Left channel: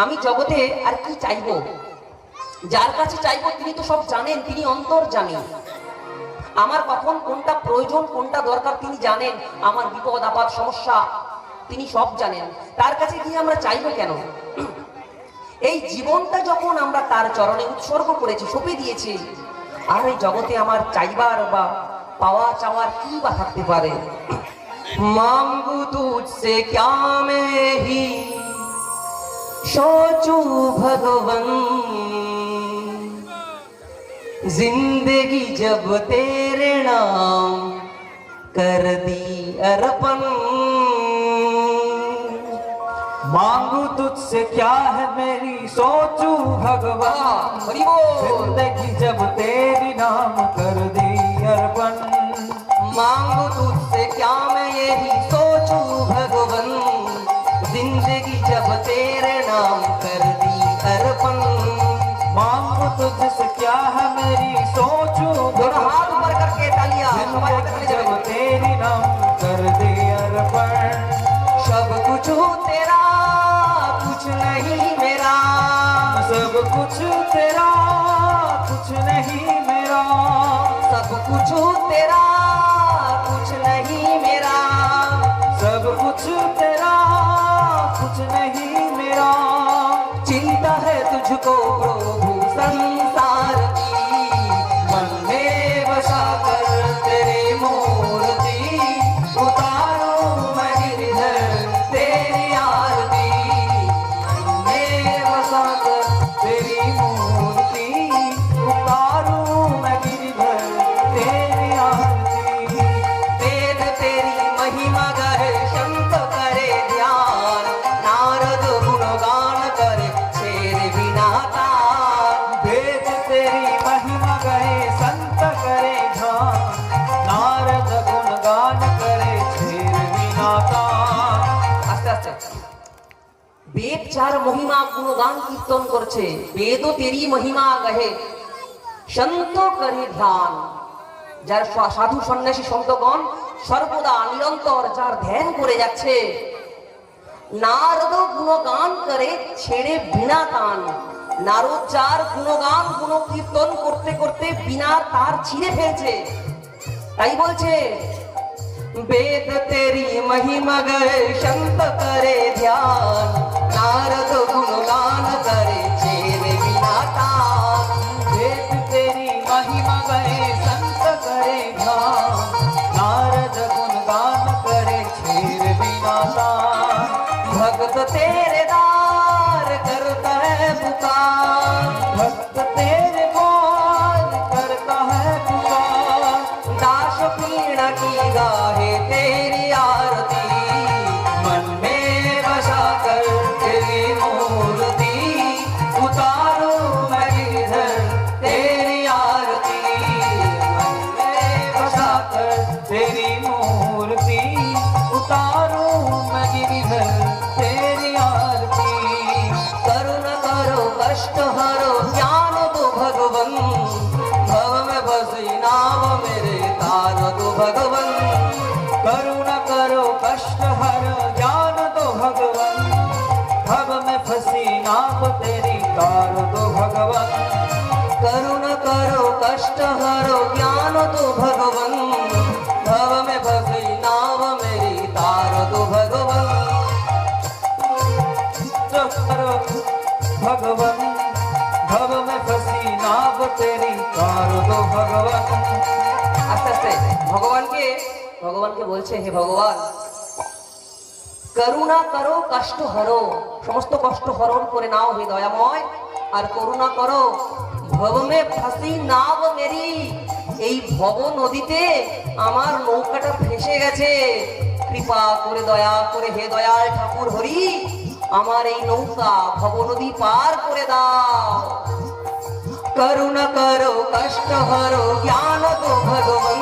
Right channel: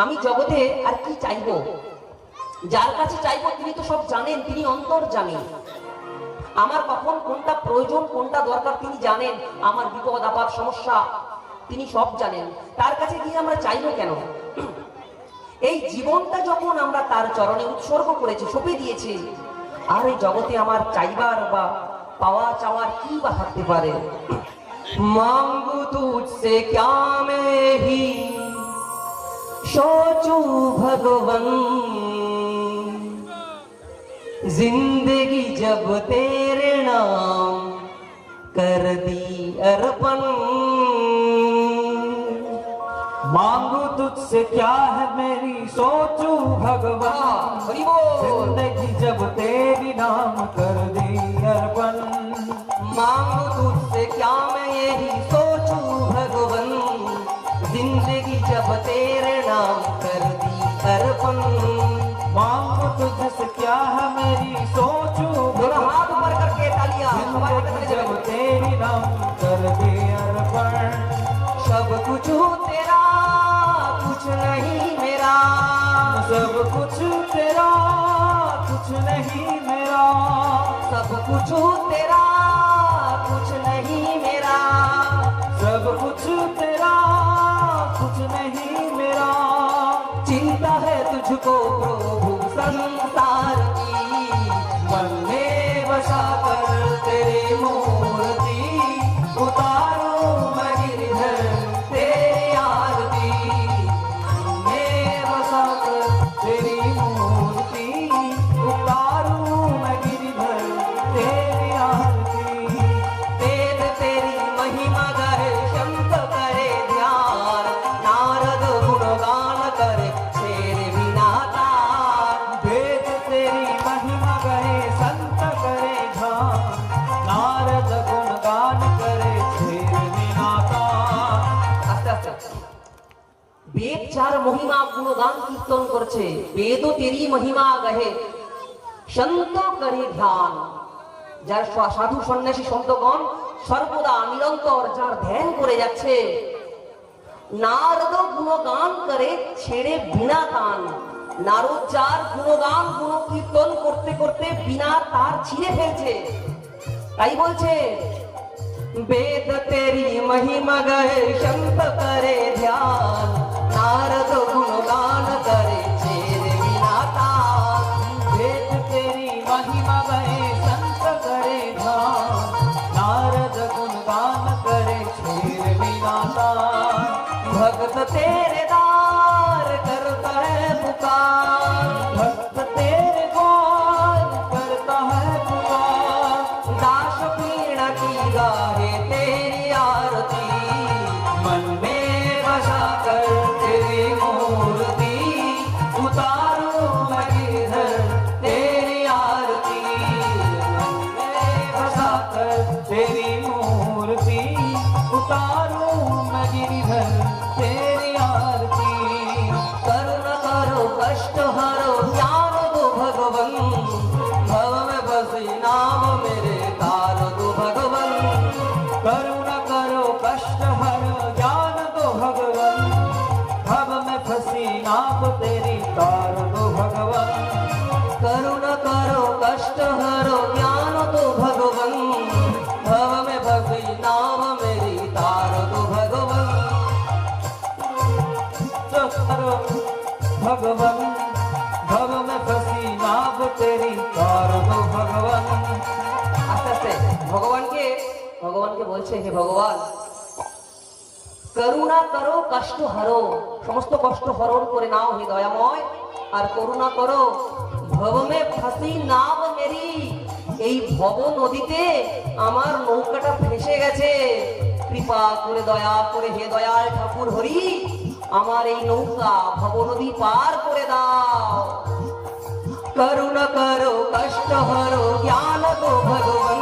আমি জগতে আর কি চাইবো? যার কাছে চাইবো তিনি তো সব জানেন, তিনি অন্তর্যামী। আমার কখন কোনটা প্রয়োজন কোনটা দরকার তিনি জানেন, আমার বিপদ আপদ সমস্যা তিনি সব জানেন। তার কাছে গিয়ে আমরা চাইবো কেন? এই জীবনটা যখন আমরা তার চরণে উৎসর্গ করেছি, সঁপে দিয়েছি, আর এই জগতে আমার চাইবার বা পাওয়া চাওয়ার কি বা থাকতে পারে? মাঙ্গু তুঝসে ক্যা মে হি সোচু ভগবান, जिंदगी जब तेरे नाम कर दी अर्पण। मांगू तुझसे क्या है मेरी सोचू भगवान, जिंदगी जब तेरी नाम कर दी अर्पण। मांगू तुझसे क्या मैं यही सोचू भगवान, जिंदगी जब तेरे नाम कर दी अर्पण। मांगू तुझसे क्या है मेरी सोचू भगवान, जिंदगी जब तेरी नाम कर दे अर्पण। सब कुछ तेरा कुछ नहीं मेरा, सब कुछ तेरा कुछ नहीं मेरा, सब कुछ तेरा कुछ नहीं मेरा, सब कुछ तेरा कुछ नहीं मेरा। चिंता है तुझको प्रभु संसार की, मन में बसा कर तेरे मूर्ति, उतारो मैं गिरधर तेरी आरती। मन में बसा कर तेरी मूर्ति उतारूं मैं गिरधर तेरी आरती। वेद तेरी महिमा गाए शंख करे ध्यान, नारद गुणगान करे शेर बिना तार। वेद तेरी महिमा गए संत करे ध्यान, नारद गुणगान करे छेर बिना तार। আস্তে আস্তে বেদ চার মহিমা গুণগান কীর্তন করছে, বেদও তেরি মহিমা গাহে সন্ত করে ধ্যান। যার সাধু সন্ন্যাসী সন্তগণ সর্বদা নিরন্তর যার ধ্যান করে যাচ্ছে, নারদ গুণগান করে ছেড়ে বিনা তান। নারদ যার গুণগান গুণ কীর্তন করতে করতে বিনা তার ছিঁড়ে ফেলছে। তাই বলছে वेद तेरी महिमा गए शंत करे ध्यान, नारद गुणगान करे छेर बिना तान। वेद तेरी महिमा गए संत करे ध्यान, नारद गुणगान करे छेर बिना तान। भक्त तेरे दार करता है पुकार, भक्त तेरे द्वार करता है पुकार। दास पीण की गाहे तेरी आरती, मन में बसा कर तेरी मूर्ति, उतारो मैं गिरधर तेरी आरती। मन में बसा कर तेरी मूर्ति उतारूं मैं गिरधर तेरी आरती। करुणा करो कष्ट हरो ज्ञान दो भगवन, भव में बसी नाम मेरे तार दो भगवन। करुणा करो कष्ट हर ज्ञान दो भगवन, भव में फंसी नाम तेरी तार दो भगवन। करुणा करो कष्ट हरो ज्ञान दो भगवन, भव में बसी नाम मेरी तार दो भगवन। करो भगवन, भव में फंसी नाम तेरी तार दो भगवन। আস্তে আস্তে ভগবানকে বলছে, হে ভগবান করুণা করো কষ্ট হরো, সমস্ত কষ্ট হরণ করে নাও হে দয়াময়। আর করুণা করো ভবমে ফাঁসি নাও মেরি, এই ভব নদীতে আমার নৌকাটা ফেসে গেছে, কৃপা করে দয়া করে হে দয়াল ঠাকুর হরি আমার এই নৌকা ভব নদী পার করে দাও। करुणा करो कष्ट हरो ज्ञान दो भगवन,